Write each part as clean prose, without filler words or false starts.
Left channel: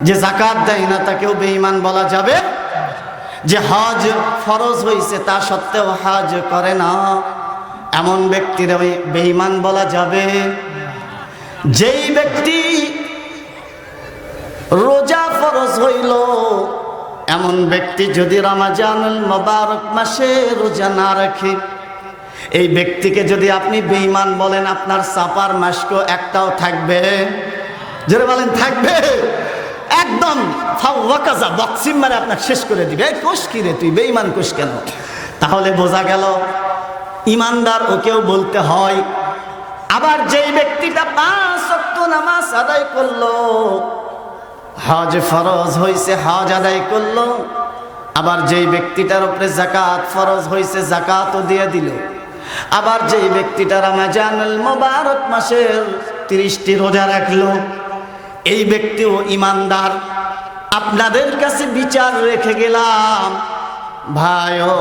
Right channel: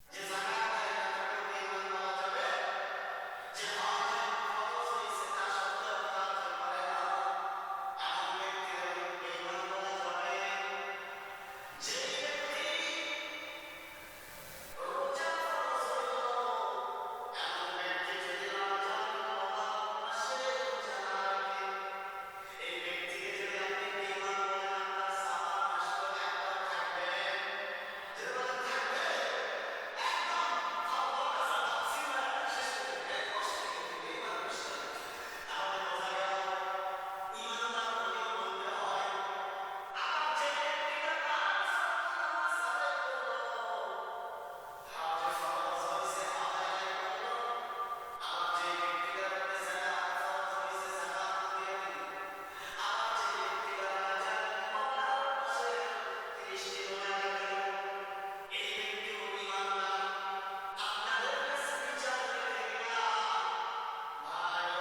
যে যাকাত দেয় না তাকেও বেঈমান বলা যাবে? যে হজ ফরজ হয়েছে তা সত্ত্বেও হজ করে না এমন ব্যক্তির বেঈমান বলা যাবে? যেই ব্যক্তি রোজা ফরজ হইল এমন ব্যক্তি যদি রমজানুল মুবারক মাসে রোজা না রাখে, এই ব্যক্তিকে যদি আপনি বেঈমান বলেন, আপনার সাপার মাস্ক একটাও থাকবে? জোরে বলেন, থাকবে? একদম ফাওয়াকাজা বক্সিং মারে আপনার শেষ করে দিবে। কোষ কি রে তুই বেঈমান কোষ কেন? তাহলে বোঝা গেল ইমানদার ওকেও বলতে হয়। আবার যেই ব্যক্তিটা 5 ওয়াক্ত নামাজ আদায় করলো, হজ ফরজ হয়েছে হজ আদায় করলো, আবার যেই ব্যক্তিটার উপরে যাকাত ফরজ হয়েছে যাকাতও দিয়ে দিল, আবার যেই ব্যক্তিটা রমজানুল মুবারক মাসের 30টি রোজা রাখলো, এই ব্যক্তিও ইমানদার। আপনাদের কাছে বিচার রেখে গেলাম, ভাইও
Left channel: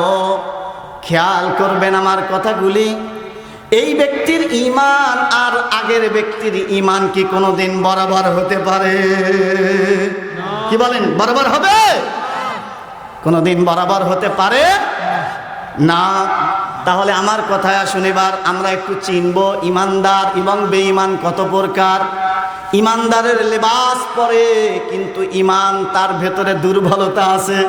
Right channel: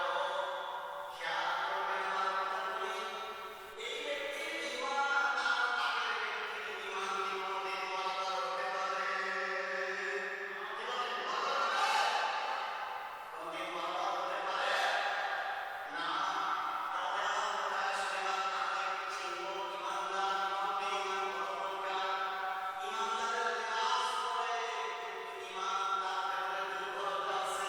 খেয়াল করবেন আমার কথাগুলি। এই ব্যক্তির ঈমান আর আগের ব্যক্তির ঈমান কি কোনোদিন বরাবর হতে পারে? কি বলেন, বরাবর হবে? কোনোদিন বরাবর হতে পারে না। তাহলে আমার কথায় আসুন, এবার আমরা একটু চিনব ইমানদার এবং বেঈমান কত প্রকার। ইমানদারের লেবাস পরে কিন্তু ইমান তার ভেতরে দুর্বলতা আছে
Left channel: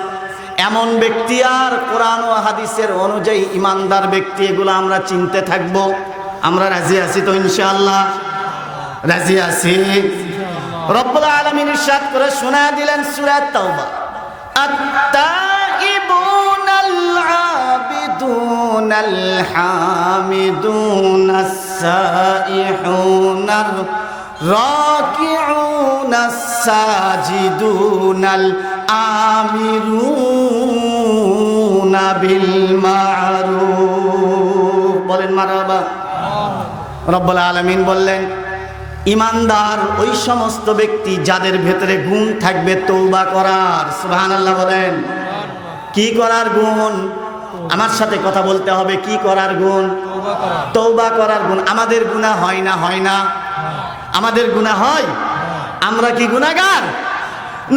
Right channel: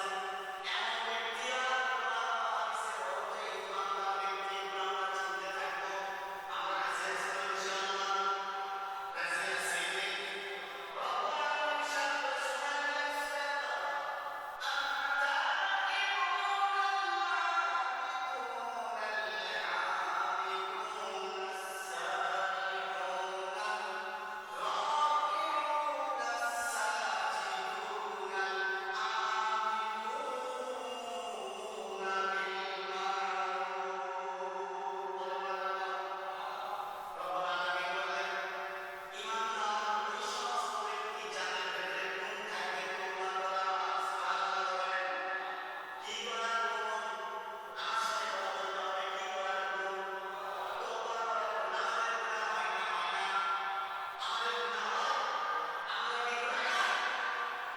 এমন ব্যক্তি আর কোরআন ও হাদিসের অনুযায়ী ইমানদার ব্যক্তি, এগুলো আমরা চিনতে থাকব। আমরা রাজি আছি তো? ইনশাআল্লাহ রাজি আছি। রব্বুল আলামিন ইরশাদ করে শোনায় দিলেন সূরা তাওবা, আত-তাইবুনাল আবিদুনাল হামিদুনাস সাইহুনার রাকিউনাস সাজিদুনাল আমিরুনা বিল মারুফ। বলেন মারহাবা। রব্বুল আলামিন বললেন ইমানদার ওই সমস্ত ব্যক্তি যাদের ভেতরে গুণ থাকবে তওবা করার। সুবহানাল্লাহ বলেন। কি করার গুণ? আমার সাথে কথা বলতে হবে। কি করার গুণ? তওবা করার গুণ। আমাদের গুনাহ হয় না? হয় না? আমাদের গুনাহ হয়? আমরা কি গুনাহগার?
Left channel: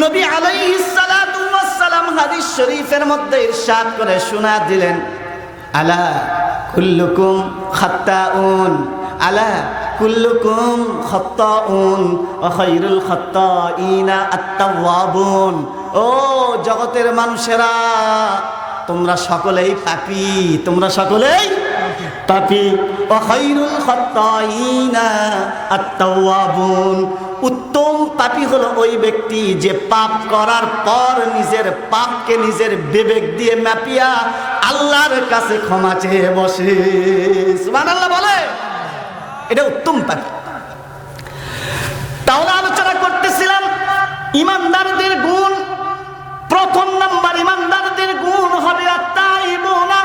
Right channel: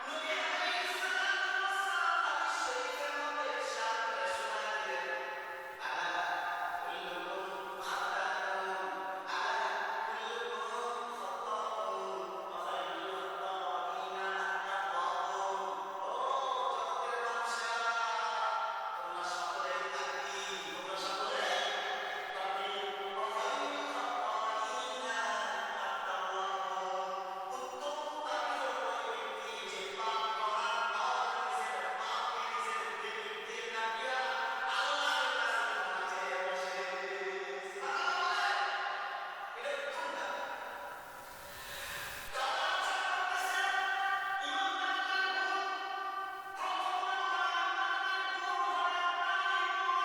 নবী আলাইহিস সালাতু ওয়াস সালাম হাদিস শরীফের মধ্যে ইরশাদ করে শোনা দিলেন, আলা কুল্লুকুম খাত্তাউন, আলা কুল্লুকুম খাত্তাউন ওয়া খায়রুল খাত্তাইনা আত-তাওয়াবুন। ও জগতের মানুষেরা, তোমরা সকলেই পাপী, তোমরা সকলেই পাপী। ওয়া খায়রুল খাত্তাইনা আত-তাওয়াবুন। উত্তম পাপী হলো ওই ব্যক্তি যে পাপ করার পর নিজের পাপকে নিজের বিবেক দিয়ে মাপিয়া আল্লাহর কাছে ক্ষমা চেয়ে বসে। সুবহানাল্লাহ বলে, এটা উত্তম পাপী। তাহলে আলোচনা করতেছিলাম ইমানদারদের গুণ। প্রথম নাম্বার ইমানদারদের গুণ হবে আত-তাইবুনা।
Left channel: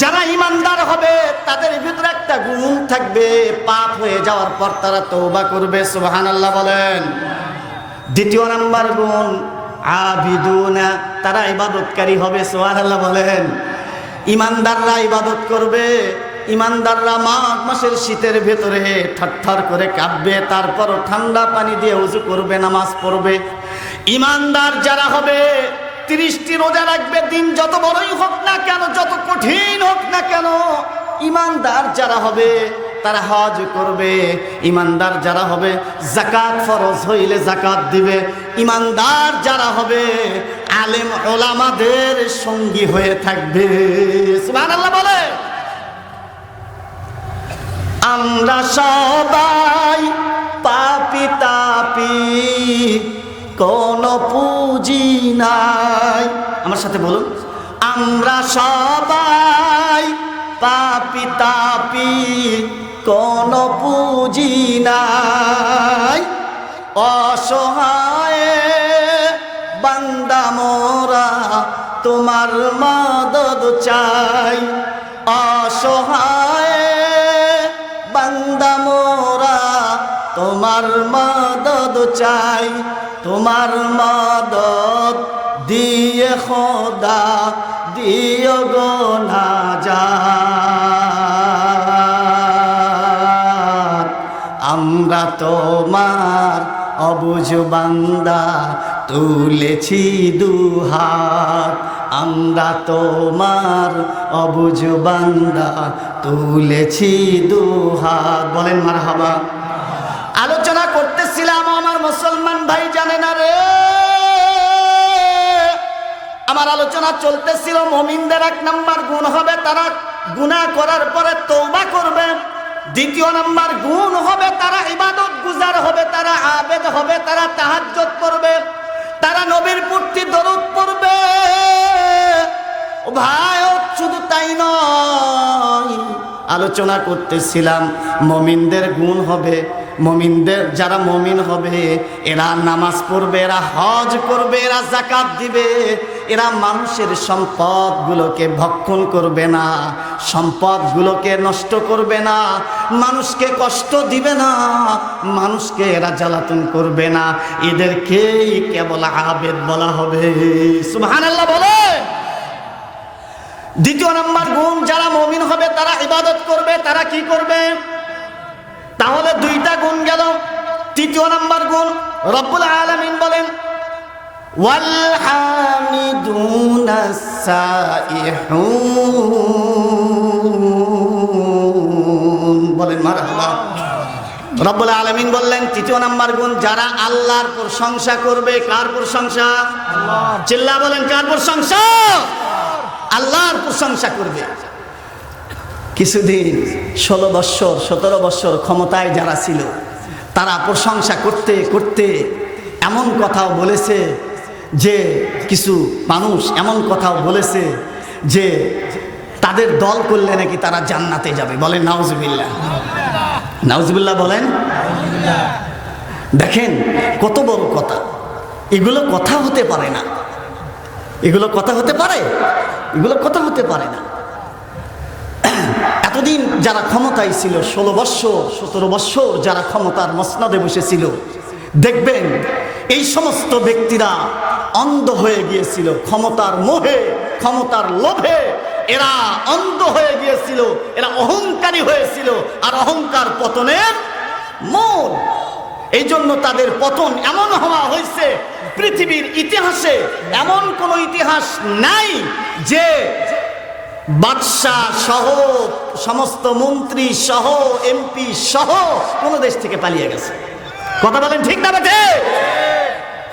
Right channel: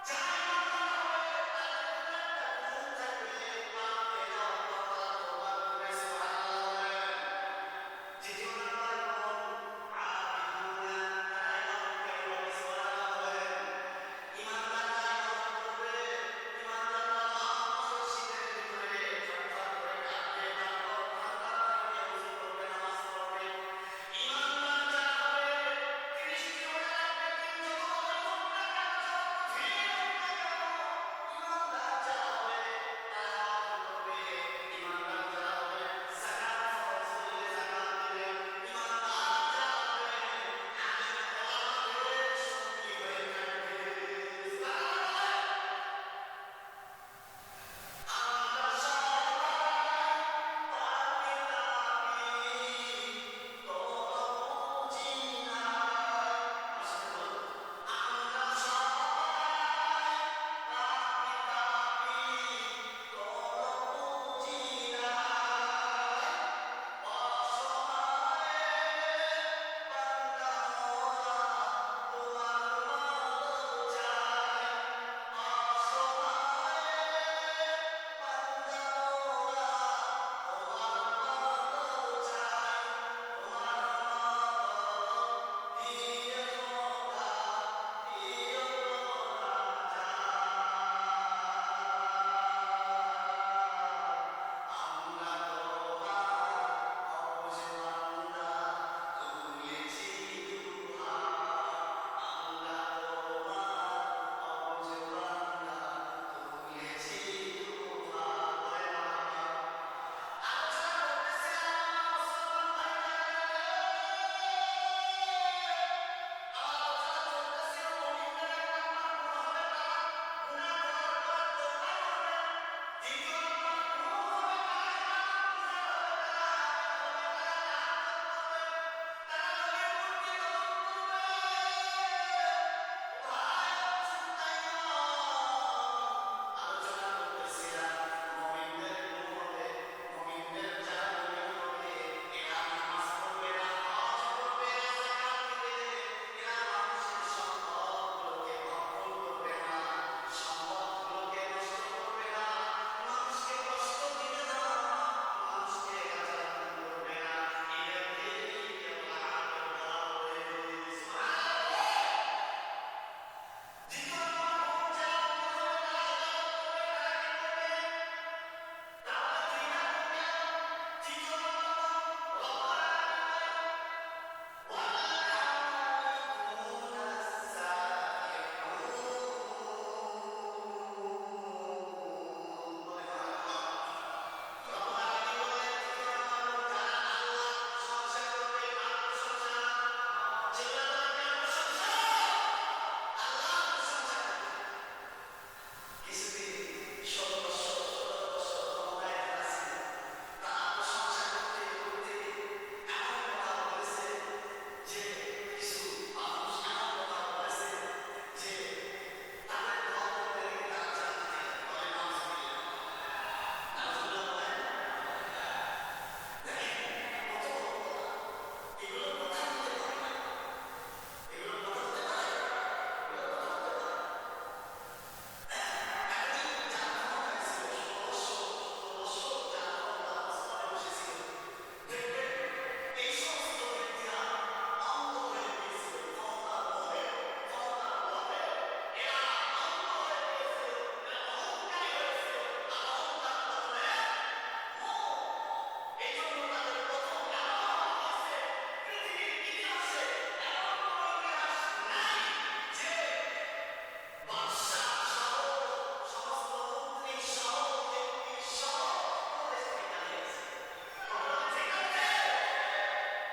যারা ইমানদার হবে তাদের ভিতরে একটা গুণ থাকবে, পাপ হয়ে যাওয়ার পর তারা তওবা করবে। সুবহানাল্লাহ বলেন। দ্বিতীয় নাম্বার গুণ আবিদুনা, তারা ইবাদতকারী হবে। সুবহানাল্লাহ বলেন। ইমানদাররা ইবাদত করবে। ইমানদাররা মাঘ মাসের শীতের ভেতরে থরথর করে কাঁপবে, তারপরও ঠান্ডা পানি দিয়ে ওযু করবে, নামাজ পড়বে। ইমানদার যারা হবে 30টি রোজা রাখবে, দিন যত বড়ই হোক না কেন, যত কঠিন হোক না কেন। ইমানদার যারা হবে তারা হজ করবে। ইমানদার যারা হবে যাকাত ফরজ হইলে যাকাত দিবে। ইমানদার যারা হবে আলেম ওলামাদের সঙ্গী হয়ে থাকবে। সুবহানাল্লাহ বলে। আমরা সবাই পাপী তাপী, কোনো পুঁজি নাই। আমার সাথে বলুন, আমরা সবাই পাপী তাপী, কোনো পুঁজি নাই। অসহায় বান্দা মোরা তোমার মদদ চাই। অসহায় বান্দা মোরা তোমার মদদ চাই। তোমার মদদ দিয়ে খোদা দিও গো নাজাত। আমরা তোমার অবু অবুঝ বান্দা তুলেছি দুহাত, আমরা তোমার অবুঝ বান্দা তুলেছি দুহাত। বলেন মারহাবা। আলোচনা করতেছিলাম আমার মুসলমান ভাই, জানে না রে, আমার আলোচনা চলতেছিল মুমিনদের 1 নাম্বার গুণ হবে তারা গুনাহ করার পরে তওবা করবে। 2 নাম্বার গুণ হবে তারা ইবাদত গুজার হবে, তারা আবেদ হবে, তারা তাহাজ্জুদ করবে, তারা নবীর প্রতি দরুদ পড়বে। ও ভাই, শুধু তাই নয়, আলোচনা করতেছিলাম মুমিনদের গুণ হবে, মুমিনদের যারা মুমিন হবে এরা নামাজ পড়বে, এরা হজ করবে, এরা যাকাত দিবে, এরা মানুষের সম্পদগুলোকে ভক্ষণ করবে না, সম্পদগুলোকে নষ্ট করবে না, মানুষকে কষ্ট দিবে না, মানুষকে এরা জ্বালাতন করবে না, এদেরকেই কেবল আবেদ বলা হবে। সুবহানাল্লাহ বলে। 2 নম্বর গুণ, যারা মুমিন হবে তারা ইবাদত করবে, তারা কি করবে? তাহলে 2টা গুণ গেল। 3 নম্বর গুণ রব্বুল আলামিন বলেন ওয়াল হামিদুনাস সাইহুন। বলেন মারহাবা। রব্বুল আলামিন বললেন 3 নম্বর গুণ, যারা আল্লাহর প্রশংসা করবে। কার প্রশংসা? আল্লাহ। চিল্লা বলেন, কার প্রশংসা? আল্লাহর প্রশংসা করবে। কিছুদিন 16 বৎসর 17 বৎসর ক্ষমতায় যারা ছিল তারা প্রশংসা করতে করতে এমন কথাও বলেছে যে, কিছু মানুষ এমন কথাও বলেছে যে তাদের দল করলে নাকি তারা জান্নাতে যাবে। বলেন নাউজুবিল্লাহ। নাউজুবিল্লাহ বলেন। দেখেন কত বড় কথা, এগুলো কথা হতে পারে না, এগুলো কথা হতে পারে, এগুলো কথা হতে পারে না। এতদিন যারা ক্ষমতায় ছিল, 16 বৎসর 17 বৎসর যারা ক্ষমতার মসনদে বসেছিল, দেখবেন এই সমস্ত ব্যক্তিরা অন্ধ হয়ে গিয়েছিল ক্ষমতার মোহে, ক্ষমতার লোভে। এরা অন্ধ হয়ে গিয়েছিল, এরা অহংকারী হয়েছিল, আর অহংকার পতনের মূল। এই জন্য তাদের পতন এমন হওয়া হয়েছে, পৃথিবীর ইতিহাসে এমন কোন ইতিহাস নাই যে বাদশাহ সহ সমস্ত মন্ত্রী সহ এমপি সহ কোন দেশ থেকে পালিয়ে গেছে। কথা বলেন ঠিক না বেঠে?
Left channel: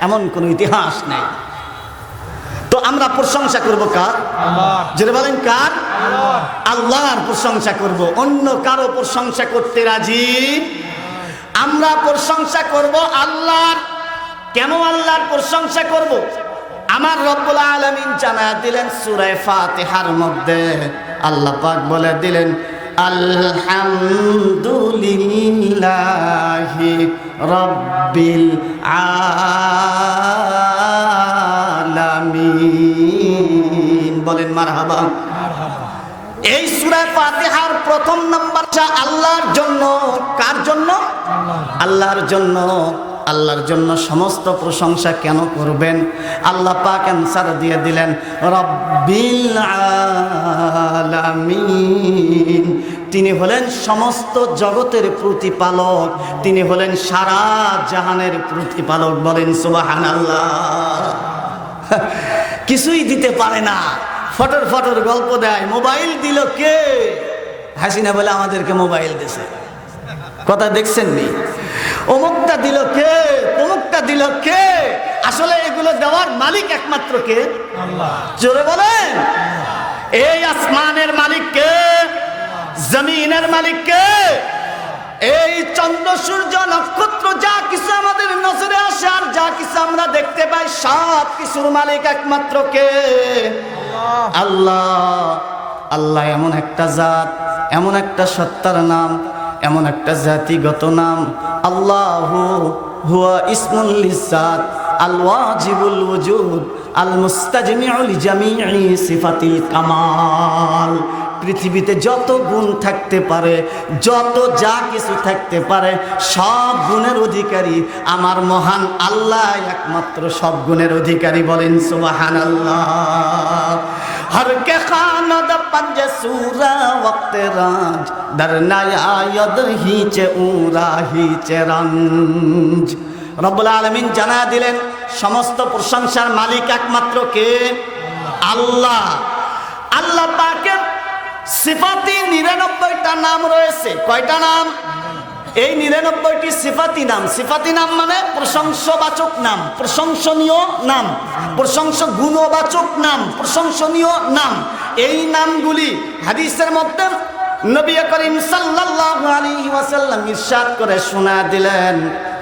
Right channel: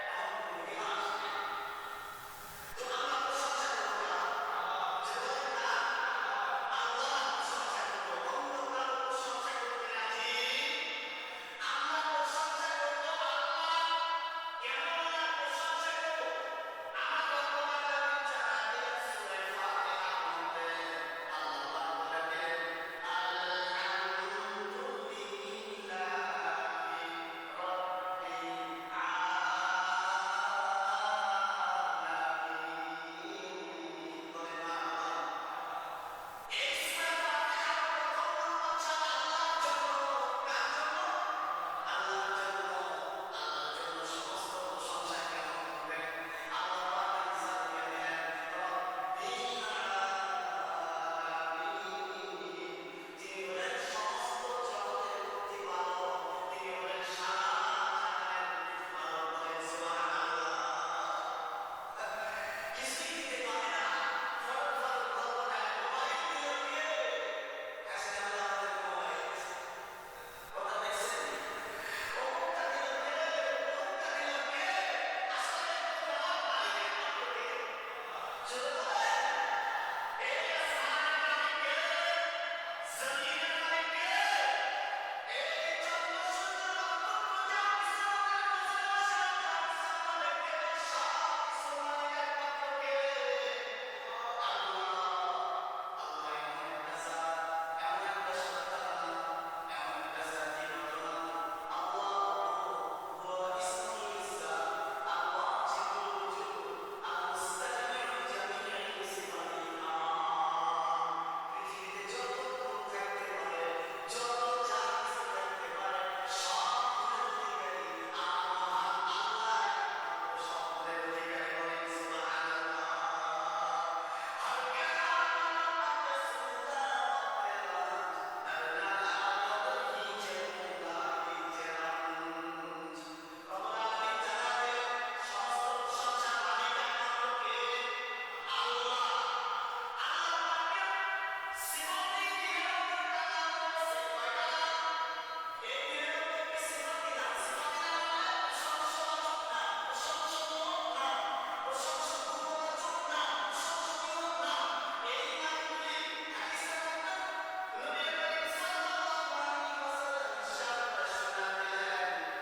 এমন কোন ইতিহাস নেই। তো আমরা প্রশংসা করব কার? আল্লাহ। যেটা বলেন কার? আল্লাহ। আল্লাহর প্রশংসা করব, অন্য কারো প্রশংসা করতে রাজি। আমরা প্রশংসা করব আল্লাহর। কেন আল্লাহর প্রশংসা করব? আমার রব্বুল আলামিন জানায়া দিলেন সূরা ফাতিহার মধ্যে, আল্লাহ পাক বলে দিলেন আলহামদুলিল্লাহি রাব্বিল আলামিন। বলেন মারহাবা। এই সূরা ফাতিহার 1 নম্বরটা আল্লাহর জন্য। কার জন্য? আল্লাহর জন্য। আল্লাহর জন্য সমস্ত প্রশংসা কেন করবেন? আল্লাহ পাক অ্যানসার দিয়ে দিলেন রব্বিল আলামিন। তিনি হলেন সমস্ত জগতের প্রতিপালক, তিনি হলেন সারা জাহানের প্রতিপালক। বলেন সুবহানাল্লাহ। কিছুই দিতে পারে না, ফটর ফটর গল্প দেয়। মোবাইল দিল কে? হাসিনা বলে আমাদেরকে মোবাইল দিয়েছে। কথা দেখছেন নি? অমুকটা দিল কে, অমুকটা দিল কে? আসলে এগুলো দেওয়ার মালিক একমাত্র কে? আল্লাহ। জোরে বলেন। এই আসমানের মালিক কে? জমিনের মালিক কে? এই চন্দ্র সূর্য নক্ষত্র যা কিছু আমাদের নজরে আসে আর যা কিছু আমরা দেখতে পাই, সব কিছুর মালিক একমাত্র কে? আল্লাহ। আল্লাহ এমন একটা জাত, এমন একটা সত্তার নাম, এমন একটা জাতিগত নাম। আল্লাহু হুয়া ইসমুল লিজাত আল ওয়াজিবুল ওয়ুজুদ আল মুস্তাজমিউ লিজামিই সিফাতিল কামাল। পৃথিবীতে যত গুণ থাকতে পারে, যত যা কিছু থাকতে পারে, সব গুণের অধিকারী আমার মহান আল্লাহ একমাত্র সব গুণের অধিকারী। বলেন সুবহানাল্লাহ। हर के खानद पंज सूरा वक्त राज दर नया यद ही चे ऊरा ही चे रंज রব্বুল আলামিন জানা দিলেন সমস্ত প্রশংসার মালিক একমাত্র কে? আল্লাহ। আল্লাহ পাকের সিফাতি 99টা নাম রয়েছে। কয়টা নাম? এই 99টি সিফাতি নাম। সিফাতি নাম মানে প্রশংসাবাচক নাম, প্রশংসনীয় নাম, গুণবাচক নাম, প্রশংসনীয় নাম। এই নামগুলি হাদিসের মধ্যে নবী করিম সাল্লাল্লাহু আলাইহি ওয়াসাল্লাম ইরশাদ করে শোনা দিলেন,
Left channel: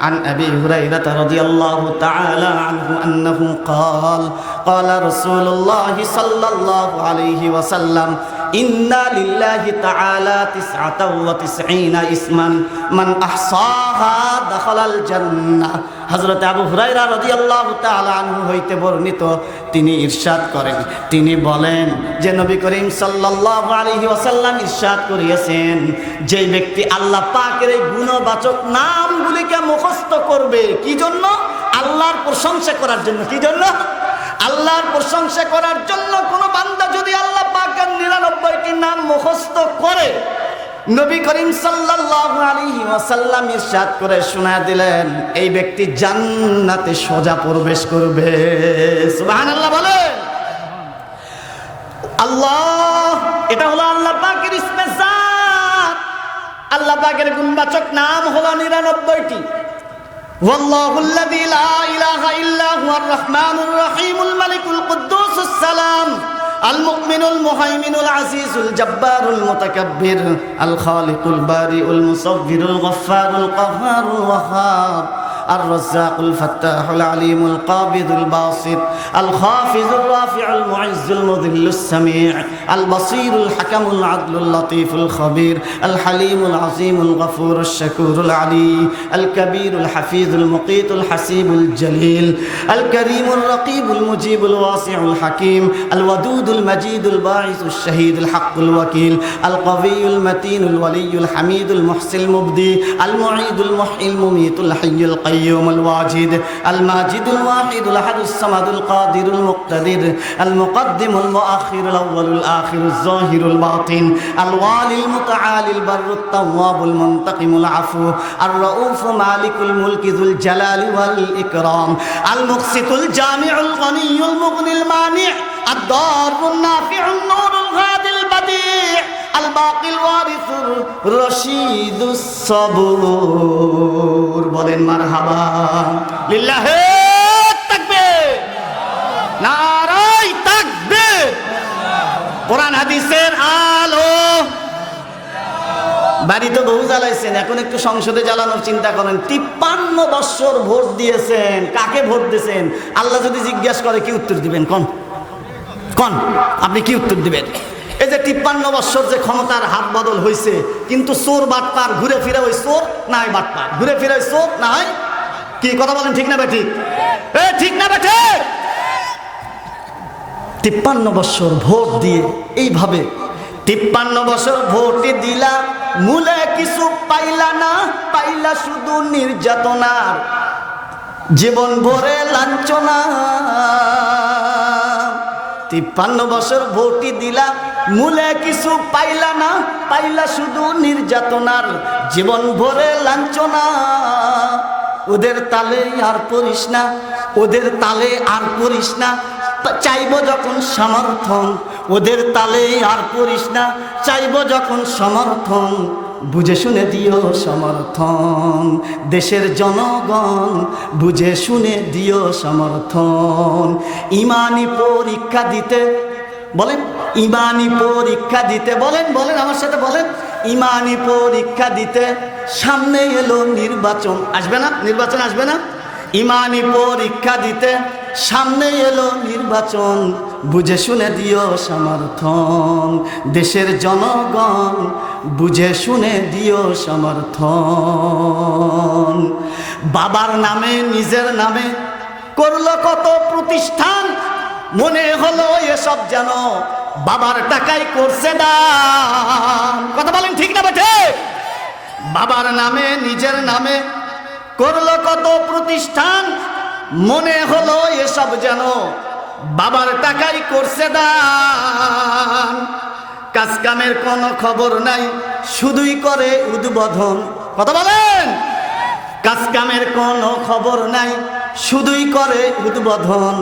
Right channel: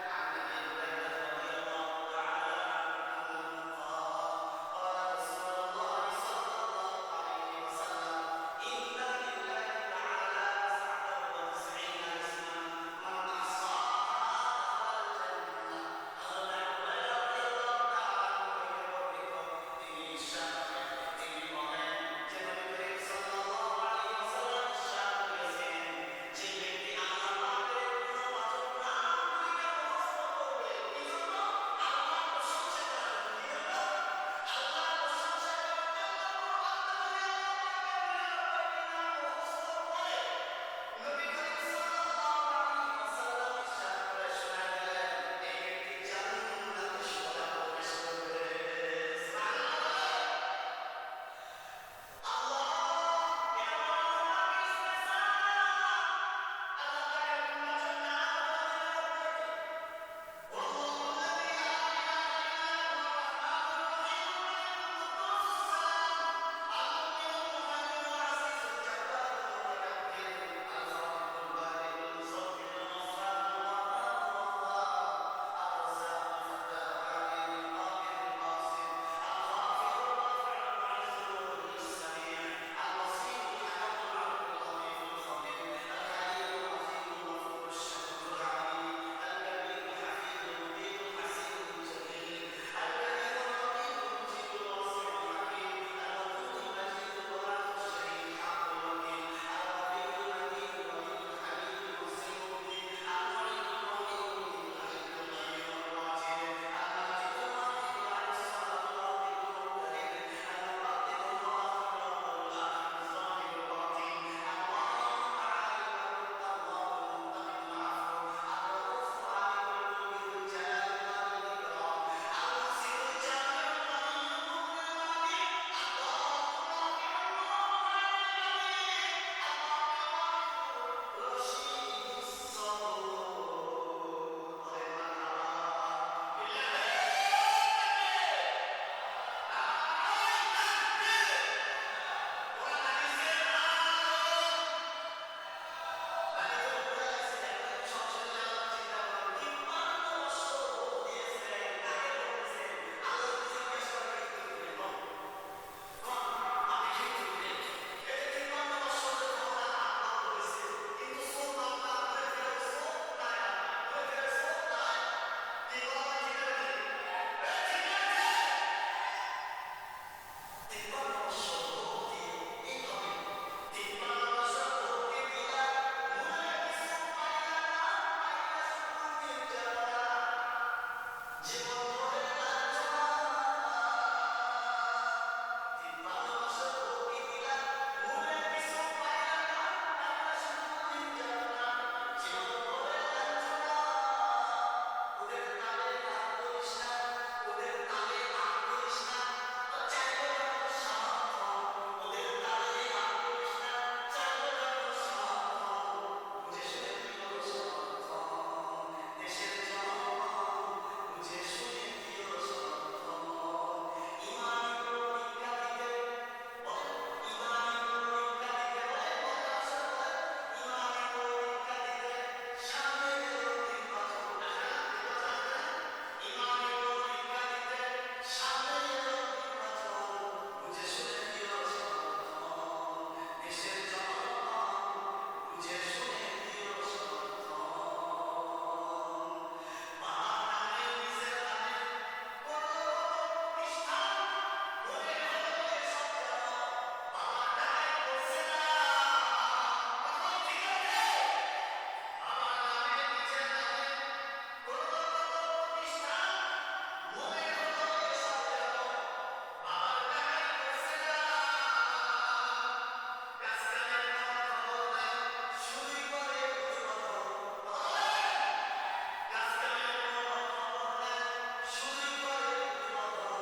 عن أبي هريرة رضي الله تعالى عنه أنه قال قال رسول الله صلى الله عليه وسلم إن لله تعالى 99 اسما من أحصاها دخل الجنة। হযরত আবু হুরায়রা রাদিয়াল্লাহু তাআলা আনহু হইতে বর্ণিত, তিনি ইরশাদ করেন, তিনি বলেন যে নবী করিম সাল্লাল্লাহু আলাইহি ওয়াসাল্লাম ইরশাদ করিয়েছেন, যে ব্যক্তি আল্লাহ পাকের এই গুণবাচক নামগুলিকে মুখস্থ করবে, কি জন্য? আল্লাহর প্রশংসা করার জন্য। কি জন্য? আল্লাহর প্রশংসা করার জন্য। কোন বান্দা যদি আল্লাহ পাকের 99টি নাম মুখস্থ করে, নবী করিম সাল্লাল্লাহু আলাইহি ওয়াসাল্লাম ইরশাদ করে শোনা দিলেন, এই ব্যক্তি জান্নাতে সোজা প্রবেশ করবে। সুবহানাল্লাহ বলে। আল্লাহ, এটা হলো আল্লাহ পাকের ইসমে জাত। আল্লাহ পাকের গুণবাচক নাম হলো 99টি। ওয়াল্লাহুল্লাযী লা ইলাহা ইল্লা হুয়ার রহমানুর রহিমুল মালিকুল কুদ্দুসুস সালাম المؤمن المهيمن العزيز الجبار المتكبر الخالق البارئ المصور الغفار القهار الوهاب الرزاق الفتاح العليم القابض الباسط الخافض الرافع المعز المذل السميع البصير الحكم العدل اللطيف الخبير الحليم العظيم الغفور الشكور العلي الكبير الحفيظ المقيت الحسيب الجليل الكريم الرقيب المجيب الواسع الحكيم الودود المجيد الباعث الشهيد الحق الوكيل القوي المتين الولي الحميد المحسن المبدي المعيد المحيي المميت الحي القيوم الواجد الماجد الواحد الأحد الصمد القادر المقتدر المقدم المؤخر الأول الآخر الظاهر الباطن الوالي المتعالي البر التواب المنتقم العفو الرؤوف مالك الملك ذو الجلال والإكرام المقسط الجامع الغني المغني المانع الضار النافع النور الهادي البديع الباقي الوارث الرشيد الصبور বলেন মারহাবা লিল্লাহি তাকবীর নারায়ে তাকবীর কোরআন হাদিসের আলো বাড়িতে বহু জ্বালাইছেন এখন একটু সংসদে জ্বালানোর চিন্তা করেন 53 বছর ভোট দিয়েছেন কাকে ভোট দিয়েছেন আল্লাহ যদি জিজ্ঞাসা করে কি উত্তর দিবেন কোন আপনি কি উত্তর দিবেন এই যে 53 বছর যে ক্ষমতার হাত বদল হয়েছে কিন্তু চোর বাটপার ঘুরে ফিরে ওই চোর না হয় বাটপার ঘুরে ফিরে ওই চোর না হয় কি কথা বলেন ঠিক না বেঠিক ঠিক না বেঠিক 53 বছর ভোট দিয়ে এইভাবে 53 বছর ভোট দিলা মূলে কিছু পাইলা না পাইলা শুধু নির্যাতনার জীবন ভরে লাঞ্ছনা 53 বছর ভোট দিলা মূলে কিছু পাইলা না পাইলা শুধু নির্যাতনার জীবন ভরে লাঞ্ছনা ওদের তালে আর পড়িস না ওদের তালে আর পড়িস না চাইবো যখন সমর্থন ওদের তালে আর পড়িস না চাইবো যখন সমর্থন বুঝে শুনে দিও সমর্থন দেশের জনগণ বুঝে শুনে দিও সমর্থন ইমানি পরীক্ষা দিতে বলেন ইমানি পরীক্ষা দিতে বলেন আমার সাথে বলেন ইমানি পরীক্ষা দিতে সামনে এলো নির্বাচন আসবে না নির্বাচন আসবে না ইমানি পরীক্ষা দিতে সামনে এলো নির্বাচন বুঝে শুনে দিও সমর্থন দেশের জনগণ বুঝে শুনে দিও সমর্থন বাবার নামে নিজের নামে করলো কত প্রতিষ্ঠান মনে হলো এসব যেন বাবার টাকায় করছে দান কথা বলেন ঠিক না বেঠে বাবার নামে নিজের নামে করলো কত প্রতিষ্ঠান মনে হলো এসব যেন বাবার টাকাই করছে দান কাজ কামের কোনো খবর নাই শুধুই করে উদ্বোধন কথা বলেন কাজ কামের কোনো খবর নাই, শুধুই করে উদ্বোধন।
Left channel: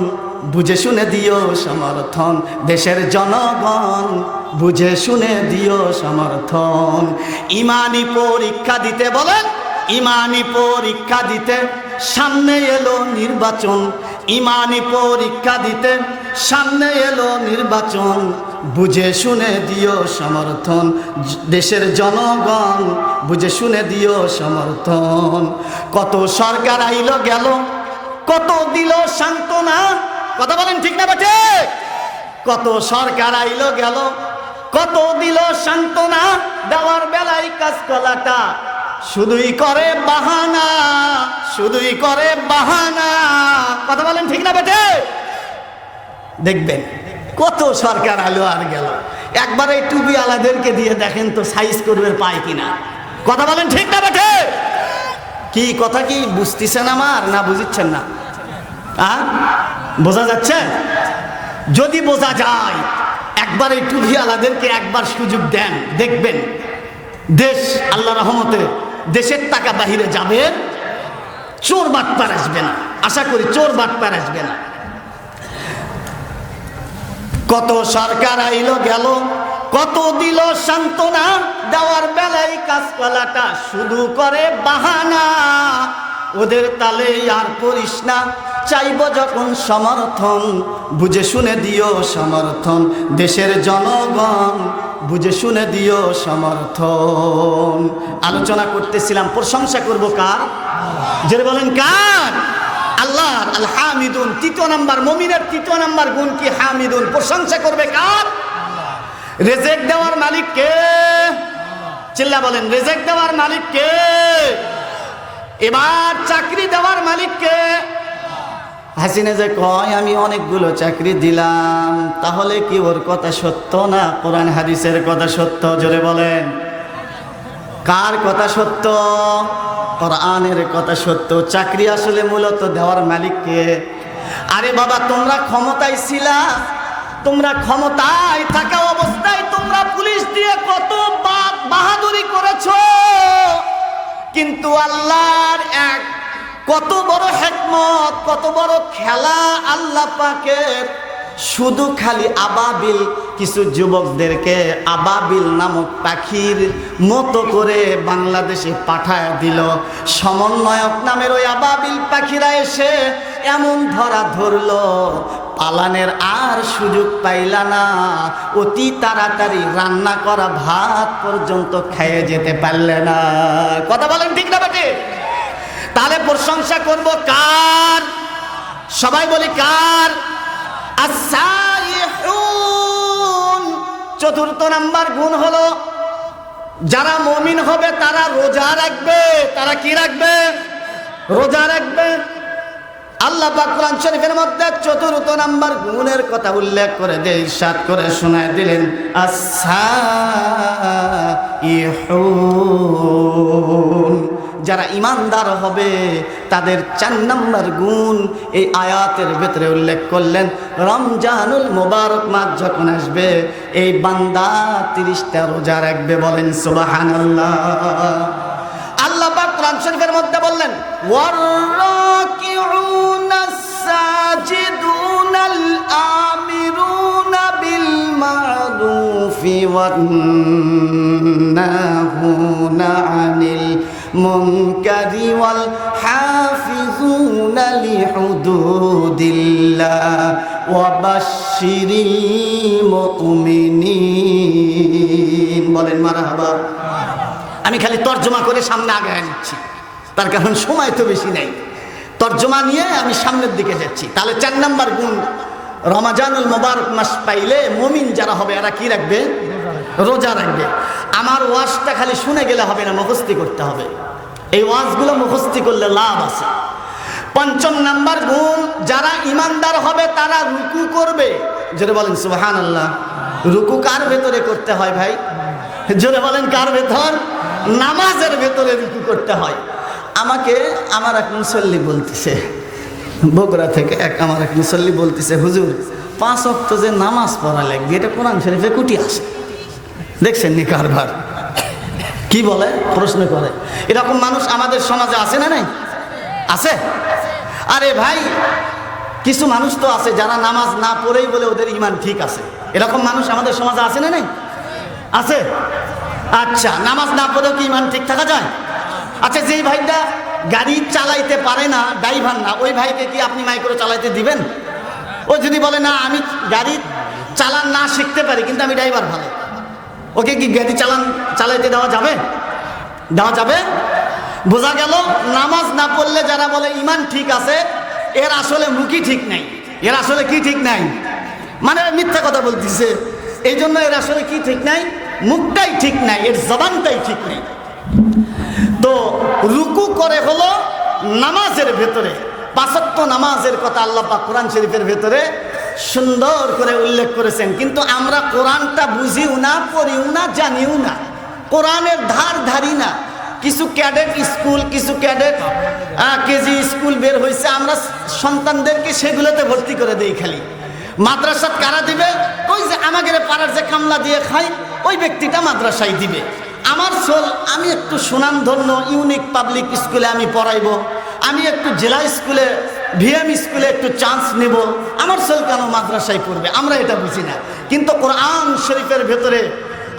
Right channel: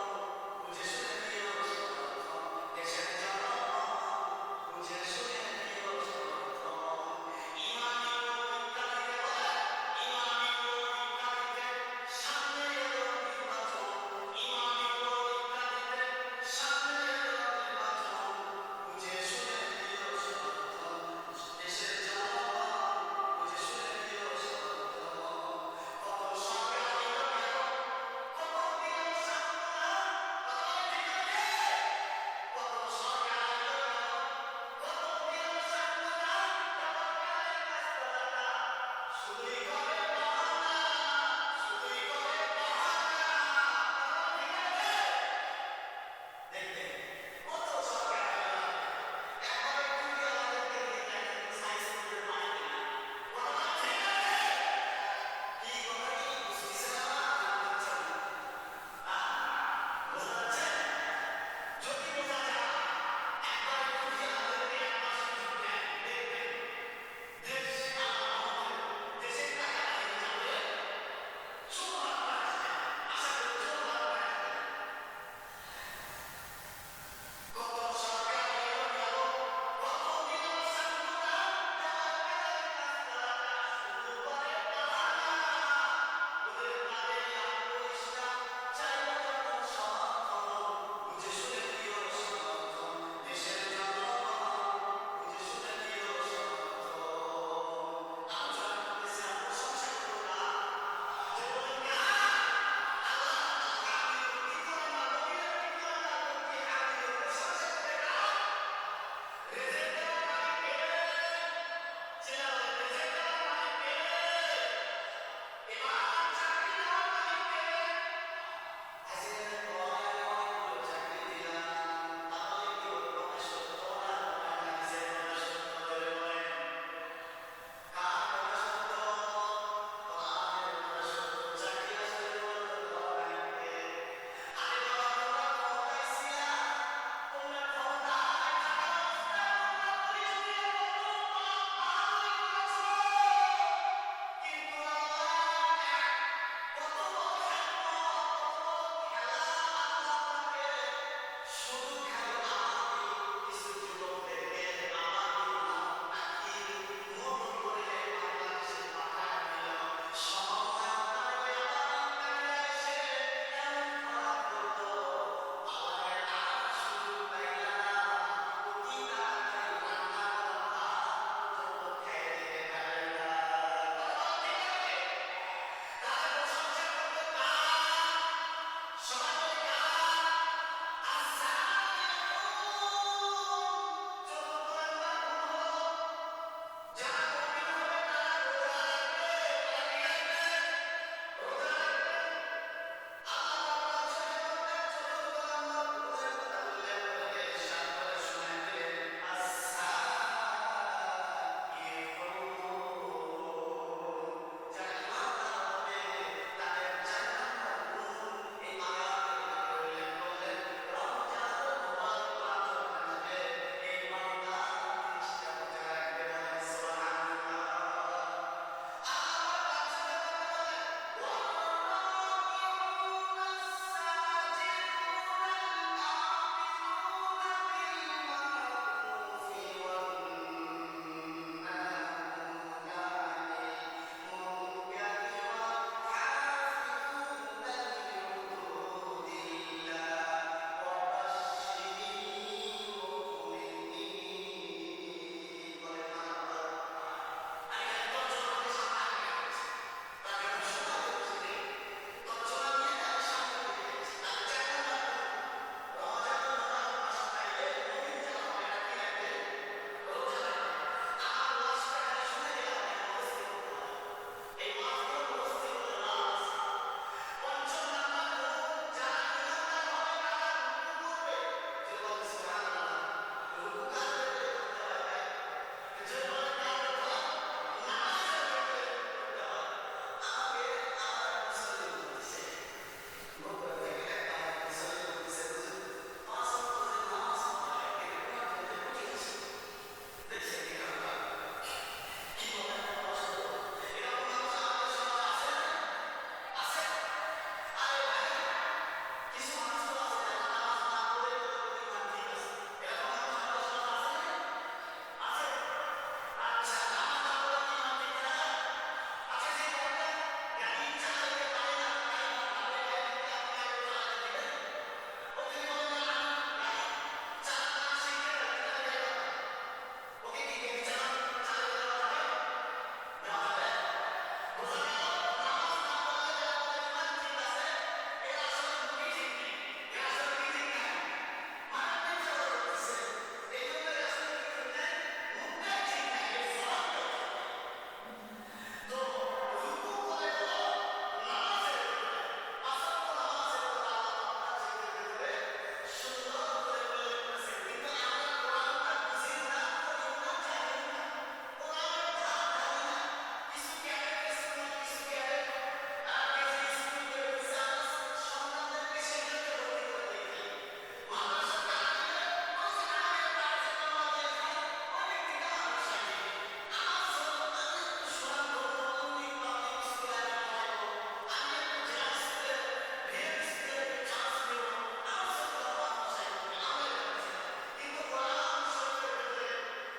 বুঝে শুনে দিও সমর্থন দেশের জনগণ, বুঝে শুনে দিও সমর্থন। ইমানি পরীক্ষা দিতে বলেন, ইমানি পরীক্ষা দিতে সামনে এলো নির্বাচন। ইমানি পরীক্ষা দিতে সামনে এলো নির্বাচন, বুঝে শুনে দিও সমর্থন দেশের জনগণ, বুঝে শুনে দিও সমর্থন। কত সরকার আইলো গেল, কত দিল সান্ত্বনা, কথা বলেন ঠিক না বেঠে? কত সরকার আইলো গেল, কত দিল সান্ত্বনা, দেওয়ার বেলায় কাজকলাটা শুধুই করে বাহানা, শুধুই করে বাহানা, কথা বলেন ঠিক না বেঠে? দেখবেন কত সরকার আলো আর গেল, একবার এই টুপি আলাদেরকে দিয়ে দেখেন তো সাইজ করবে পায় কিনা, কথা বলেন ঠিক না বেঠে? কি কথা কি বুঝতেছেন আমার, না বুঝিচ্ছেন না? বোঝা যাচ্ছে? যদি বোঝা যায় একবার এই টুপি আলাদেরকে একবার সুযোগ দেন, দেখবেন দেশ আল্লাহ রহমতে দেশের টাকা বাহিরে যাবে, চোর বাটপার আসবে না, আশা করি চোর বাটপার আসবে না। কত সরকার আইলো গেল, কত দিল সান্ত্বনা, দেওয়ার বেলায় কাজকলাটা শুধু করে বাহানা। ওদের তালে আর করিস না, চাইব যখন সমর্থন, বুঝে শুনে দিও সমর্থন দেশের জনগণ, বুঝে শুনে দিও সমর্থন। আলোচনা করতেছিলাম, প্রশংসা করব কার? যারা বলেন কার? আল্লাহর। আল হামিদুন, তৃতীয় নাম্বার মুমিনের তৃতীয় নাম্বার গুণ কি? হামিদুন, প্রশংসা করবে কার? রিজিক দেওয়ার মালিক কে? চিল্লা বলেন, রিজিক দেওয়ার মালিক কে? এবার চাকরি দেওয়ার মালিক কে? হাসিনা যে কয় আমি অনেকগুলো চাকরি দিলাম, তাহলে কি ওর কথা সত্য না কোরআন হাদিসের কথা সত্য? জোরে বলেন, কার কথা সত্য? কোরআনের কথা সত্য। চাকরি আসলে মূলত দেওয়ার মালিক কে? আরে বাবা, তোমরা ক্ষমতায় ছিলা, তোমরা ক্ষমতায় থাকা অবস্থায় তোমরা পুলিশ দিয়ে কত বাহাদুরি করেছো, কিন্তু আল্লাহর এক কত বড় হিকমত, কত বড় খেলা আল্লাহ পাকের, শুধু খালি আবাবিল কিছু যুবকদেরকে আবাবিল নামক পাখির মতো করে বাংলাদেশে পাঠায় দিল। সমন্বয়ক নামের ওই আবাবিল পাখিরা এসে এমন ধরা ধরলো, পালানের আর সুযোগ পাইলা না, অতি তাড়াতাড়ি রান্না করা ভাত পর্যন্ত খেয়ে যেতে পারলে না। কথা বলেন ঠিক না বেটি? তাহলে প্রশংসা করব কার? সবাই বলি কার? আস-সাইহুন। চতুর্থ নাম্বার গুণ হলো যারা মুমিন হবে তারা রোজা রাখবে। তারা কি রাখবে? রোজা রাখবে। আল্লাহ পাক কোরআন শরীফের মধ্যে চতুর্থ নাম্বার গুণের কথা উল্লেখ করে দিয়ে ইরশাদ করে শোনায় দিলেন, আস-সাইহুন। যারা ইমানদার হবে তাদের 4 নাম্বার গুণ এই আয়াতের ভেতরে উল্লেখ করলেন। রমজানুল মুবারক মাস যখন আসবে, এই বান্দা 30টা রোজা রাখবে। বলেন সুবহানাল্লাহ। আল্লাহ পাক কোরআন শরীফের মধ্যে বললেন, ওয়ার-রাকিউনাস সাজিদুনাল আমিরুনা বিল মা'রুফি ওয়ান-নাহুনা আনিল মুনকারি ওয়াল হাফিজুনা লিহুদুদিল্লাহ ওয়া বাশশিরিল মুমিনিন। বলেন মারহাবা। আমি খালি তর্জমা করে সামনে আগায় নিচ্ছি, তার কারণ সময় তো বেশি নেই। তর্জমা নিয়ে আমি সামনের দিকে যাচ্ছি। তাহলে 4 নাম্বার গুণ, রমজানুল মুবারক মাস পাইলে মুমিন যারা হবে এরা কি রাখবে? রোজা রাখবে। আমার ওয়াজটা খালি শুনে গেলে হবে না, মুখস্থি করতে হবে। এই ওয়াজগুলো মুখস্থি করলে লাভ আছে। 5ম নাম্বার গুণ, যারা ইমানদার হবে তারা রুকু করবে। জোরে বলেন সুবহানাল্লাহ। রুকু কার ভেতরে করতে হয় ভাই? জোরে বলেন কার ভেতর? নামাজের ভেতরে রুকু করতে হয়। আমাকে আমার এক মুসল্লি বলতেছে, বগুড়া থেকে আমার এক মুসল্লি বলতেছে, হুজুর 5 ওয়াক্ত যে নামাজ পড়া লাগবে এটা কোরআন শরীফে কুটি আছে। দেখছেন নি কারবার? কি বলে? প্রশ্ন করে। এরকম মানুষ আমাদের সমাজে আছে না নাই? আছে? আরে ভাই, কিছু মানুষ তো আছে যারা নামাজ না পড়েই বলে ওদের ইমান ঠিক আছে। এরকম মানুষ আমাদের সমাজে আছে না? নেই? আছে। আচ্ছা, নামাজ না পড়েও কি ইমান ঠিক থাকা যায়? আচ্ছা, যেই ভাইটা গাড়ি চালাইতে পারে না, ড্রাইভার না, ওই ভাইকে কি আপনি মাইক্রো চালাইতে দিবেন? ও যদি বলে না আমি গাড়ি চালান না শিখতে পারি কিন্তু আমি ড্রাইভার ভালো, ওকে কি গাড়ি চালাইতে দেওয়া যাবে? দেওয়া যাবে? বোঝা গেল নামাজ না পড়লে যারা বলে ইমান ঠিক আছে, এর আসলে মুখই ঠিক নাই। এর আসলে কি ঠিক নাই? মানে মিথ্যা কথা বলতেছে। এই জন্য এর আসলে কি ঠিক নাই? মুখটাই ঠিক নাই, এর জবানটাই ঠিক নেই। তো রুকু করে হলো নামাজের ভেতরে, ৫ ওয়াক্ত নামাজের কথা আল্লাহ পাক কোরআন শরীফের ভেতরে সুন্দর করে উল্লেখ করেছেন। কিন্তু আমরা কোরআনটা বুঝিও না, পড়িও না, জানিও না, কোরআনের ধারি না। কিছু ক্যাডেট স্কুল, কিছু ক্যাডেট কেজি স্কুল বের হয়েছে, আমরা সন্তানদেরকে সেগুলোতে ভর্তি করে দেই। খালি মাদ্রাসাত কারা দিবে? ওই যে আমাদের পাড়ার যে কামলা দিয়ে খাই ওই ব্যক্তিটা মাদ্রাসায় দিবে। আমার সোল, আমি একটু সুনামধন্য ইউনিক পাবলিক স্কুলে আমি পড়াইবো, আমি একটু জেলা স্কুলে ভিএম স্কুলে একটু চান্স নেব, আমার সোল কেন মাদ্রাসায় পড়বে? আমরা এটা বুঝি না। কিন্তু কোরআন শরীফের ভেতরে,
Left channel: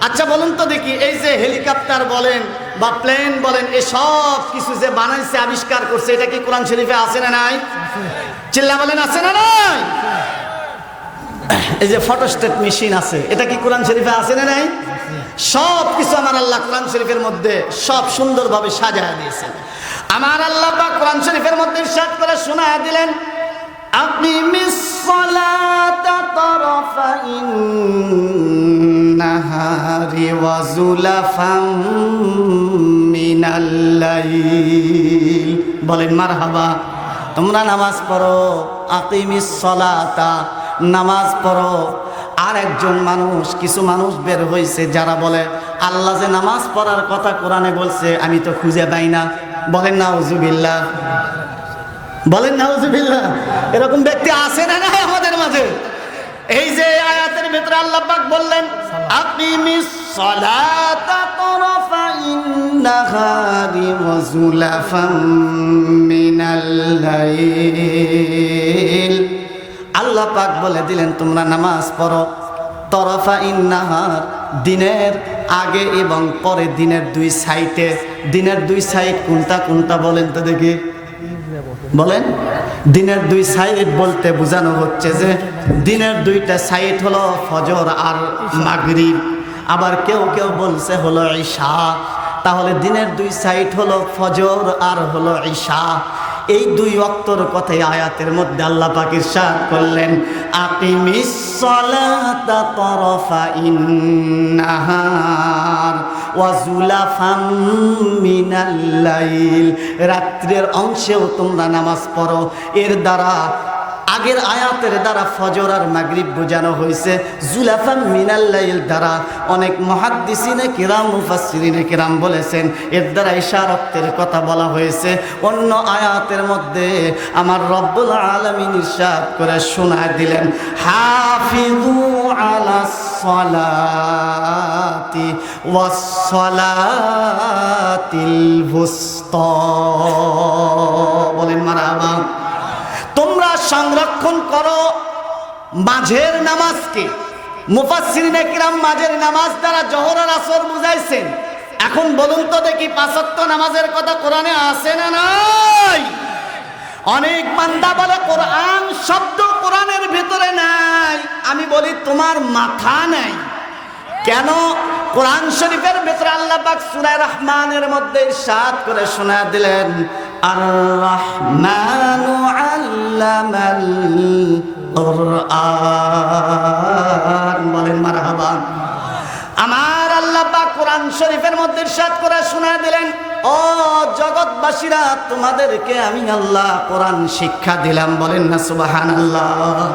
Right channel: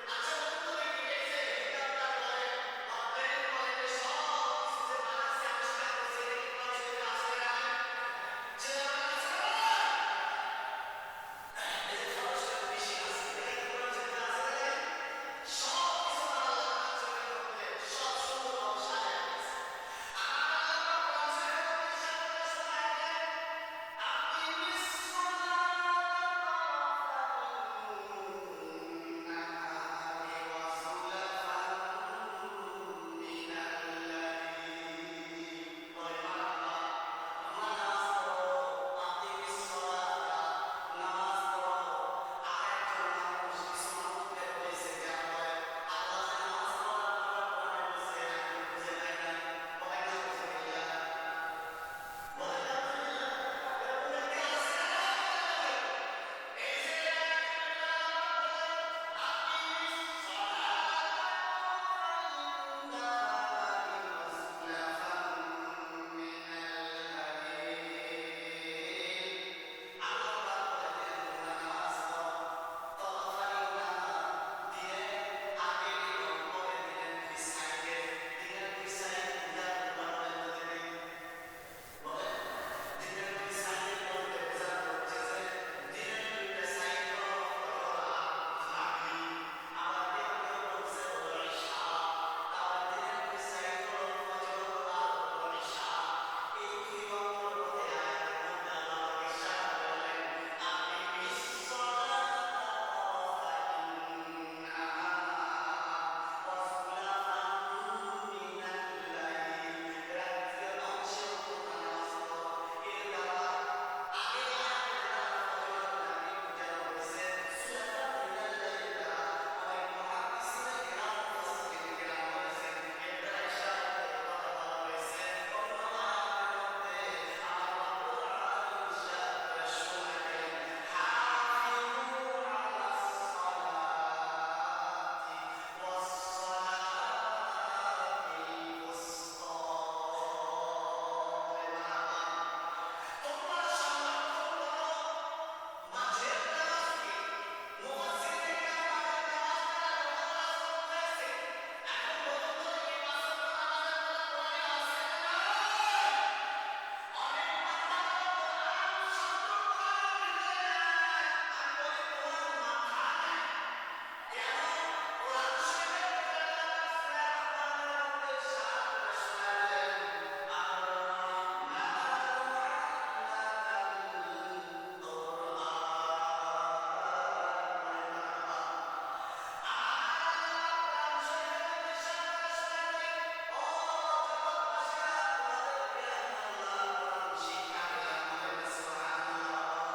আচ্ছা বলুন তো দেখি, এই যে হেলিকপ্টার বলেন বা প্লেন বলেন, এসব কিছু যে বানাইছে, আবিষ্কার করছে, এটা কি কোরআন শরীফে আছে না নাই? চিল্লা বলেন, আছে না নাই? এই যে ফটোস্টেট মেশিন আছে, এটা কি কোরআন শরীফে আছে না নাই? সব কিছু আমার আল্লাহ কোরআন শরীফের মধ্যে সব সুন্দরভাবে সাজায় দিয়েছেন। আমার আল্লাহ পাক কোরআন শরীফের মধ্যে ইরশাদ করে শোনায় দিলেন, আপনি মিসসালাতা তারাফাইন নাহারি ওয়া যুলাফাম মিনাল লাইল। বলেন মারহাবা। তোমরা নামাজ পড়ো, আকিমিস সালাতা, নামাজ পড়ো। আর একজন মানুষ, কিছু মানুষ বের হয়েছে যারা বলে আল্লাহ যে নামাজ পড়ার কথা কোরআনে বলছে আমি তো খুঁজে পাই না। বলেন নাউজুবিল্লাহ, বলেন নাউজুবিল্লাহ। এরকম ব্যক্তি আছে না নাই আমাদের মাঝে? এই যে আয়াতের ভিতরে আল্লাহ পাক বললেন, আকিমিস সালাতা তারাফাইন নাহারি ওয়া যুলাফাম মিনাল লাইল। আল্লাহ পাক বলে দিলেন তোমরা নামাজ পড়ো তরফাইন নাহার, দিনের আগে এবং পরে, দিনের দুই সাইডে। দিনের দুই সাইড কোনটা কোনটা বলেন তো দেখি, বলেন। দিনের দুই সাইড বলতে বোঝানো হচ্ছে যে দিনের দুইটা সাইড হলো ফজর আর মাগরিব, আবার কেউ কেউ বলছে হলো ঈশা। তাহলে দিনের দুই সাইড হলো ফজর আর হলো ঈশা। এই দুই ওয়াক্তর কথাই আয়াতের মধ্যে আল্লাহ পাক ইরশাদ করলেন, আকিমিস সালাতা তারাফাইন নাহার ওয়া যুলাফাম মিনাল লাইল। রাত্রের অংশেও তোমরা নামাজ পড়ো। এর দ্বারা, আগের আয়াতের দ্বারা ফজর আর মাগরিব বোঝানো হয়েছে, যুলাফাম মিনাল লাইল দ্বারা অনেক মুহাদ্দিসিনে কিরাম, মুফাসসিরিনে কিরাম বলেছেন এর দ্বারা ইশারাতের কথা বলা হয়েছে। অন্য আয়াতের মধ্যে আমার রব্বুল আলামিন ইরশাদ করে শোনায় দিলেন, হাফিজু আলাস সালাতি ওয়াস সালাতিল বুসতা। বলেন মারহাবা। তোমরা সংরক্ষণ করো মাঝের নামাজকে। মুফাসসিরিনে কিরাম মাঝের নামাজ দ্বারা জোহর আর আসর বুঝাইছেন। এখন বলুন তো দেখি, ৫ ওয়াক্ত নামাজের কথা কোরআনে আছে না নাই? অনেক বান্দা বলে কোরআন শব্দ কোরআনের ভিতরে নাই। আমি বলি তোমার মাথা নাই। কেন? কোরআন শরীফের ভিতরে আল্লাহ পাক সূরা রহমানের মধ্যে ইরশাদ করে শোনা দিলেন, আর রহমানু আল্লামাল কুরআন। বলেন মারহাবা। আমার আল্লাহ পাক কোরআন শরীফের মধ্যে ইরশাদ করে শোনা দিলেন, ও জগৎবাসীরা, তোমাদেরকে আমি আল্লাহ কোরআন শিক্ষা দিলাম। বলেন না সুবহানাল্লাহ।